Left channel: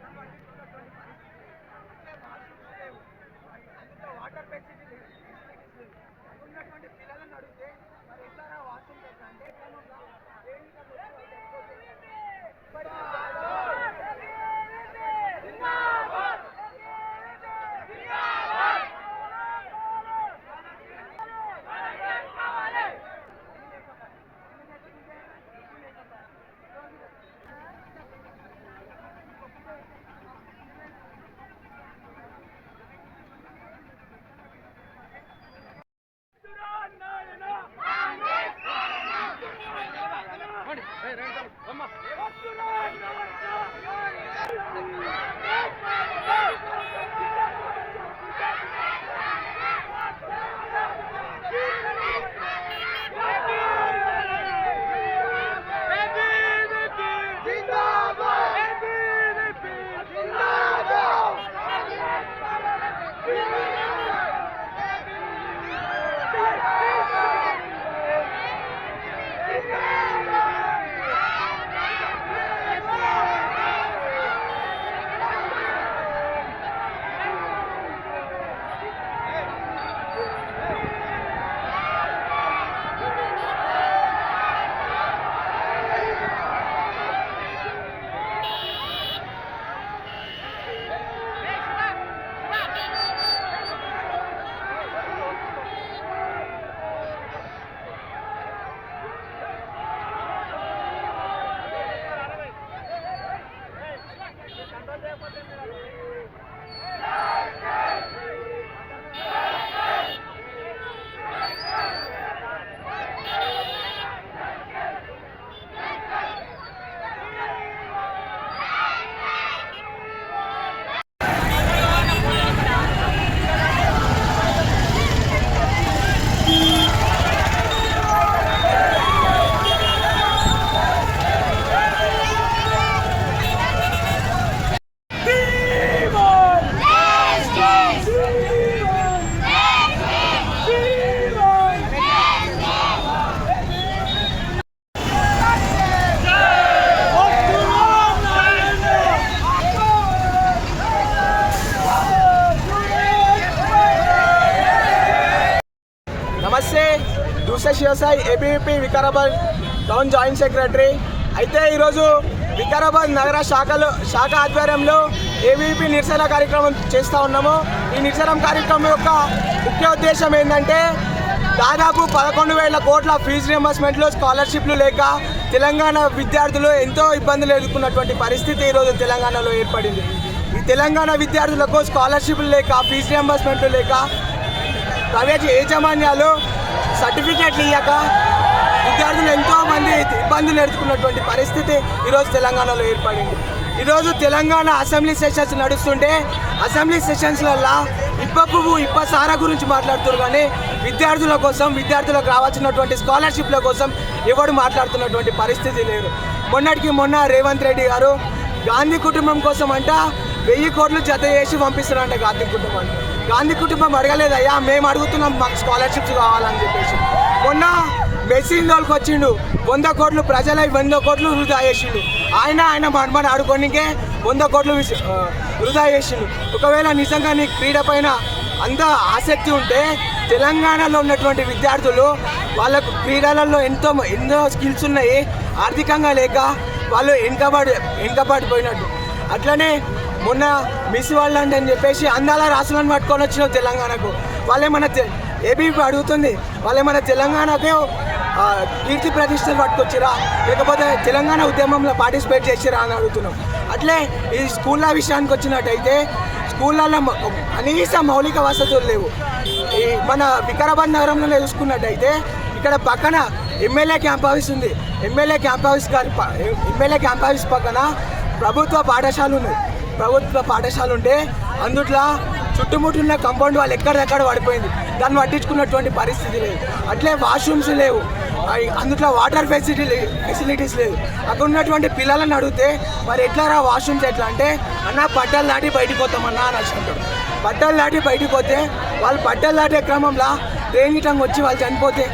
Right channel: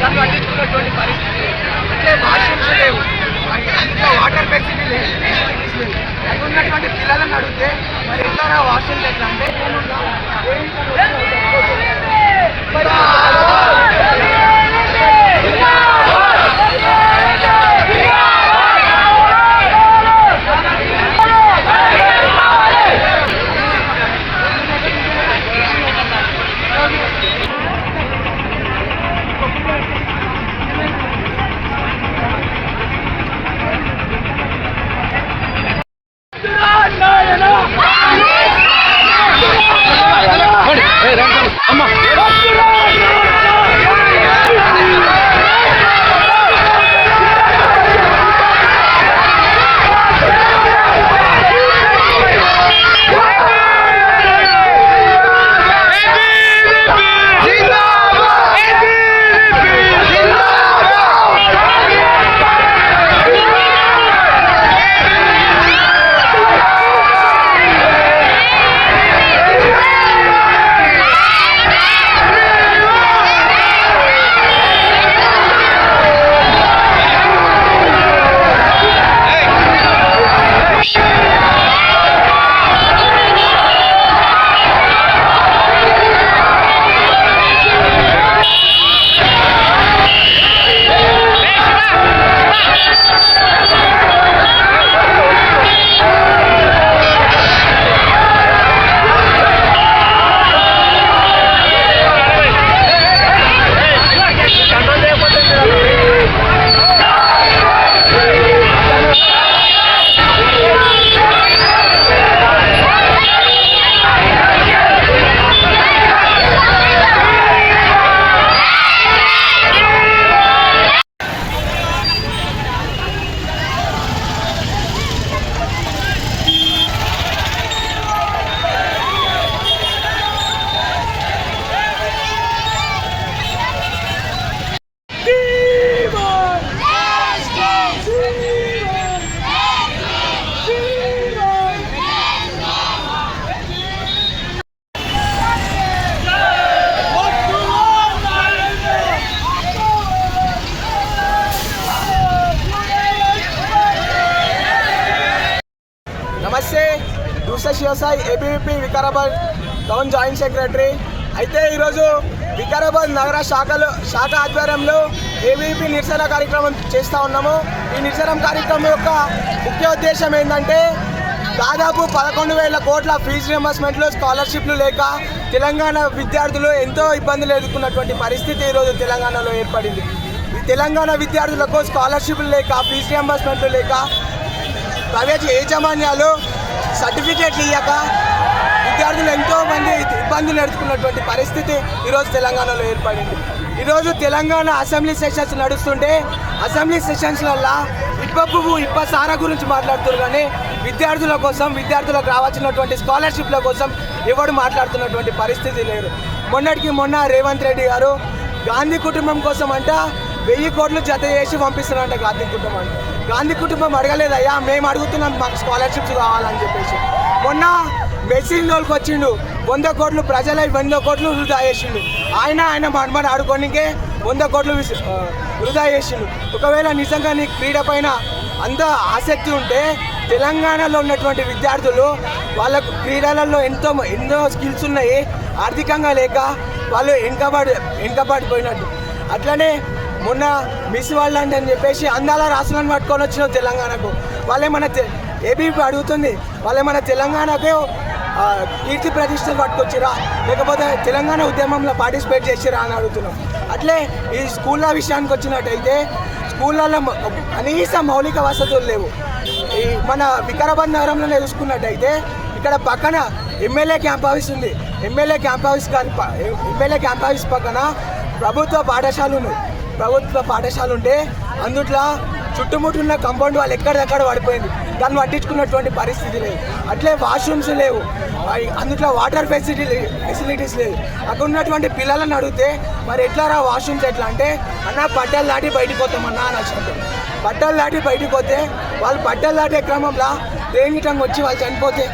దాన్ని పట్టించుకున్నటువంటి పరిస్థితి. అంటే వాష్రూమ్స్ లేవు, అందులో వాటర్ ఫెసిలిటీ లేదు, అది ఉన్నటువంటి పిల్లలను అడిగితే మరి ఎట్లా వాష్రూమ్స్ ఎట్లా అంటే నమస్తే. Doosa Shivasai ABVP Vikarabad town joint secretary. అయితే ఈరోజు వికారాబాద్ నగర శాఖ ఆధ్వర్యంలో ఏబీవీపీ నిరసన కార్యక్రమం చేస్తూ ఉన్నాము. ఈ నిరసన కార్యక్రమం యొక్క ముఖ్య ఉద్దేశం ఏంటంటే దాదాపు 11,000 కోట్ల ఫీజు రియంబర్స్మెంట్లు, స్కాలర్షిప్లు లేక తెలంగాణ విద్యార్థులు ఎంతో ఇబ్బందులు ఎదుర్కొన్నటువంటి పరిస్థితి ఈరోజు తెలంగాణలో ఏర్పడింది. ఈ తెలంగాణ విద్యార్థులకు స్కాలర్షిప్లు లేక, ఫీజు రియంబర్స్మెంట్లు లేక, ప్రైవేట్ యాజమాన్యాలు సర్టిఫికేట్లు ఇవ్వక విద్యార్థులు ఎంతో మంది ఇబ్బందులు ఎదుర్కొన్నటువంటి పరిస్థితి ఈరోజు తెలంగాణలో ఏర్పడింది. ఈరోజు తెలంగాణ అసెంబ్లీ సెషన్స్ నడుస్తుంటే అసెంబ్లీ సెషన్స్లల్లో ఇప్ప పువ్వు ఇప్ప సారా గురించి మాట్లాడుతున్నారు, కానీ విద్యార్థుల కోసం, విద్యార్థులకు రావాల్సినటువంటి స్కాలర్షిప్ల కోసం ఎవరు మాట్లాడుతున్నటువంటి పరిస్థితి లేదు. మొన్నటికి మొన్న రేవంత్ రెడ్డి గారు గాంధీ కుటుంబం కోసం అంట 1000 కోట్లు జత చేసి పంపిస్తున్నారంట. గాంధీ కుటుంబం అడగలేదయ్యా, మేము అడుగుతున్నాం, మాకు స్కాలర్షిప్స్ కావాలని చెప్పేసి. మొన్న మెసిన్లోకి వచ్చిండు, 100 కోట్లు ప్రజలై 100 కోట్లు వృధా చేసిండు. ఆయన మనమని ఆడుకోనికే 100 కోట్లు వృధా చేసిండు. ఒకవేళ నిజంగా నీ క్రీడ పైన అంత ఆసక్తి ఉంటే తెలంగాణలో ఉన్నటువంటి విద్యార్థులు వాళ్ళకు క్రీడలలో ఎన్నో స్కిల్స్ ఉన్నాయి, ఆర్థికంగా లేక వాళ్ళు వెనుకబడిపోయినట్టు. అట్లనే మొన్న మిస్ వరల్డ్ అని చెప్పేసి అందాల రాసులను పట్టుకొని వచ్చిన తెలంగాణకు వాళ్ళేమన్నా ఏబీవీపీ అడుగుతుంది, వాళ్ళేమన్నా తెలంగాణకు కీర్తి ప్రతిష్టలు పట్టుకొచ్చిరా, లేకపోతే తెలంగాణ ఉద్యమంలో పార్టిసిపేట్ చేసిరా అని అడుగుతున్నాం. అట్లే ఈ స్కూళ్ళ విషయానికి వచ్చినట్టయితే స్కూళ్ళల్లో కనీస మౌలిక వసతులు లేవు. ఈ మన వికారాబాద్ నగరంలో చూసుకున్నట్టయితే ఇక్కడ పక్కన ఎమ్మెల్యే క్యాంప్ ఆఫీస్ ఉంది. ఎమ్మెల్యే క్యాంప్ ఆఫీస్ పక్కన ప్రభుత్వ పాఠశాల ఉన్నాయి. ప్రభుత్వ పాఠశాల ఉంటే అందుట్లో చుట్టుముట్టున్న కాంపౌండ్ వాళ్ళు ఎక్కడెక్కడ పడిపోయింది, దాన్ని పట్టించుకున్నటువంటి పరిస్థితి లేదు. అట్లే వాష్రూమ్స్ లేవు, అందుట్లో వాటర్ ఫెసిలిటీస్ లేదు. అక్కడ ఉన్నటువంటి పిల్లలను అడిగితే మరి ఎట్లా రా వాష్రూమ్స్ ఎట్లా అంటే, అన్న పట్టాలు దాటి బయటికి పోతామన్నా అని అంటారు. పట్టాలు దాటి బయటికి పోతే వాళ్ళు పట్టాలు దాటే క్రమంలో ట్రైన్ టంగ్ వచ్చి వాళ్ళు చనిపోతే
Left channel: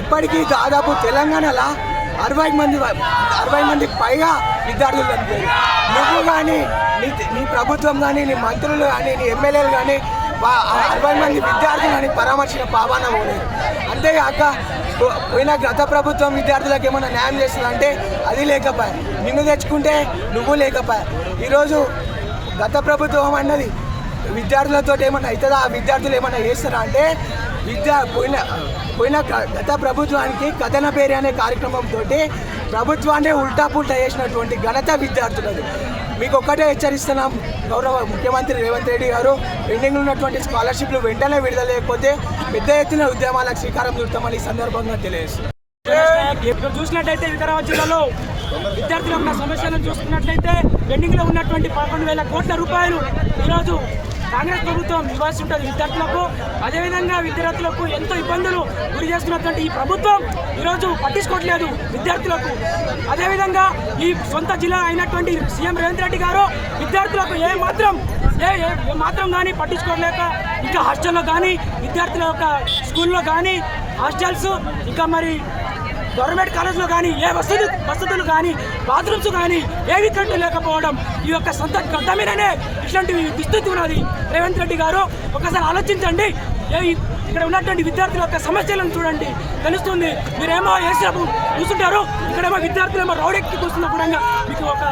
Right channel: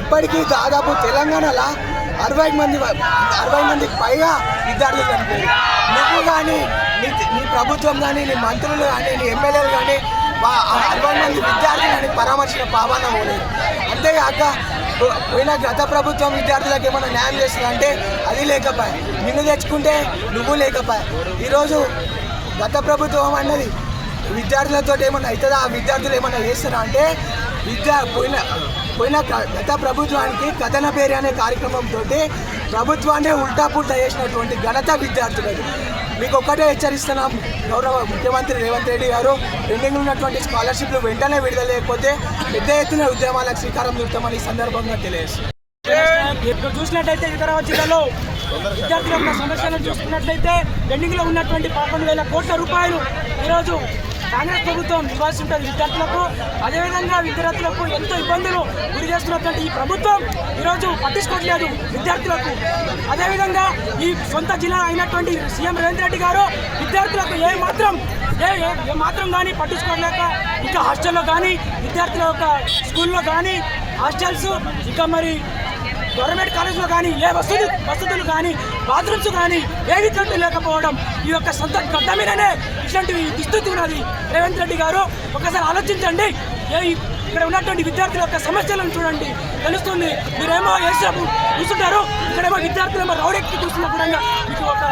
ఇప్పటికీ దాదాపు తెలంగాణలో 60 మందికి పైగా విద్యార్థులు చనిపోయారు. నువ్వు కానీ నీ ప్రభుత్వం కానీ, నీ మంత్రులు కానీ, నీ ఎమ్మెల్యేలు కానీ 60 మంది విద్యార్థులు కానీ పరామర్శించిన పాపాన పోలేదు. అంతేగాక పోయిన గత ప్రభుత్వం విద్యార్థులకు ఏమైనా న్యాయం చేస్తుందంటే అది లేకపోయా. నిన్ను తెచ్చుకుంటే నువ్వు లేకపోయా. ఈరోజు గత ప్రభుత్వం అన్నది విద్యార్థులతో ఏమన్నా అవుతుందా, ఆ విద్యార్థులు ఏమన్నా చేస్తారా అంటే పోయిన గత ప్రభుత్వానికి కథన పేరు అనే కార్యక్రమంతో ప్రభుత్వాన్ని ఉల్టా పుల్టా చేసినటువంటి ఘనత విద్యార్థులది. మీకు ఒక్కటే హెచ్చరిస్తున్నాం, గౌరవ ముఖ్యమంత్రి రేవంత్ రెడ్డి గారు పెండింగ్ ఉన్నటువంటి స్కాలర్షిప్లు వెంటనే విడుదల లేకపోతే పెద్ద ఎత్తున ఉద్యమాలకు శ్రీకారం చుడతామని ఈ సందర్భంగా తెలియజేస్తుంది. చూసినట్టయితే వికారాబాద్ జిల్లాలో విద్యార్థులు ఉన్న సమస్యలను చూసుకున్నట్లయితే పెండింగ్లో ఉన్నటువంటి 11,000 కోట్ల రూపాయలు ఈరోజు కాంగ్రెస్ ప్రభుత్వం ఇవ్వాల్సి ఉంటుంది విద్యార్థులకు. అదేవిధంగా విద్యార్థులకు ఎంతో ఇబ్బందులు గురి చేస్తున్నటువంటి ఈ ప్రభుత్వం ఈరోజు పట్టించుకోవట్లేదు విద్యార్థులకు. అదేవిధంగా ఈ సొంత జిల్లా అయినటువంటి సీఎం రేవంత్ రెడ్డి గారు విద్యార్థులకు ఏ మాత్రం కానీ పట్టించుకోలేక ఇంకా హాస్టల్లో కానీ విద్యార్థుల యొక్క స్కూల్లో కానీ హాస్టల్స్ ఇంకా మరి గవర్నమెంట్ కాలేజ్లో కానీ ఏ వసతులు కానీ బాత్రూమ్స్ కానీ ఏవి కంటూ లేకపోవడం ఈ యొక్క సొంత గడ్డ మీదనే ఇట్లాంటివి దుస్థితి ఉన్నది. రేవంత్ రెడ్డి గారు ఒకసారి ఆలోచించండి. ఇక్కడ ఉన్నటువంటి విద్యార్థుల యొక్క సమస్యలను చూడండి, తెలుస్తుంది. మీరేమో వేసేపు కూర్చుంటారు, ఇక్కడేమో విద్యార్థులేమో రౌడెక్కి కూర్చున్నా కూడా మీకు ఒక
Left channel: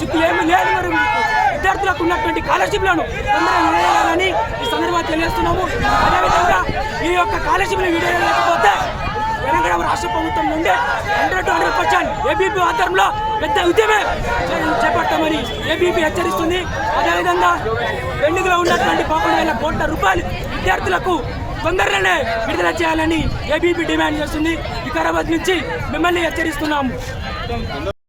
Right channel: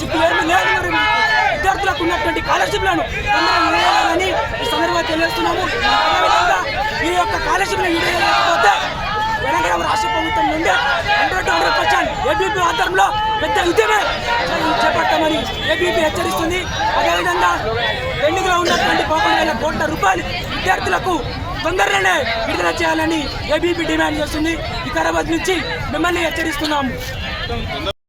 సిగ్గు ఏమి లేదు. విద్యార్థులకు ఉన్నటువంటి స్కాలర్షిప్లను తొందరగా విడుదలని ఈ సందర్భంగా తెలియజేస్తున్నాము. అదేవిధంగా ఈ యొక్క స్కాలర్షిప్లు విడుదలకపోతే తెలంగాణ రాష్ట్ర ప్రభుత్వం నుండి 100% ఏబీపీ ఆధ్వర్యంలో పెద్ద ఉద్యమే చేపడతామని ఏబీపీ హెచ్చరిస్తుంది. అదేవిధంగా పెండింగ్లో ఉన్నటువంటి 11,000 కోట్ల రూపాయలు విద్యార్థులకు తొందరగానే విడుదల చేయాలని ఏబీపీ డిమాండ్ చేస్తుంది. వికారాబాద్ నుంచి మిమ్మల్ని హెచ్చరిస్తున్నాము.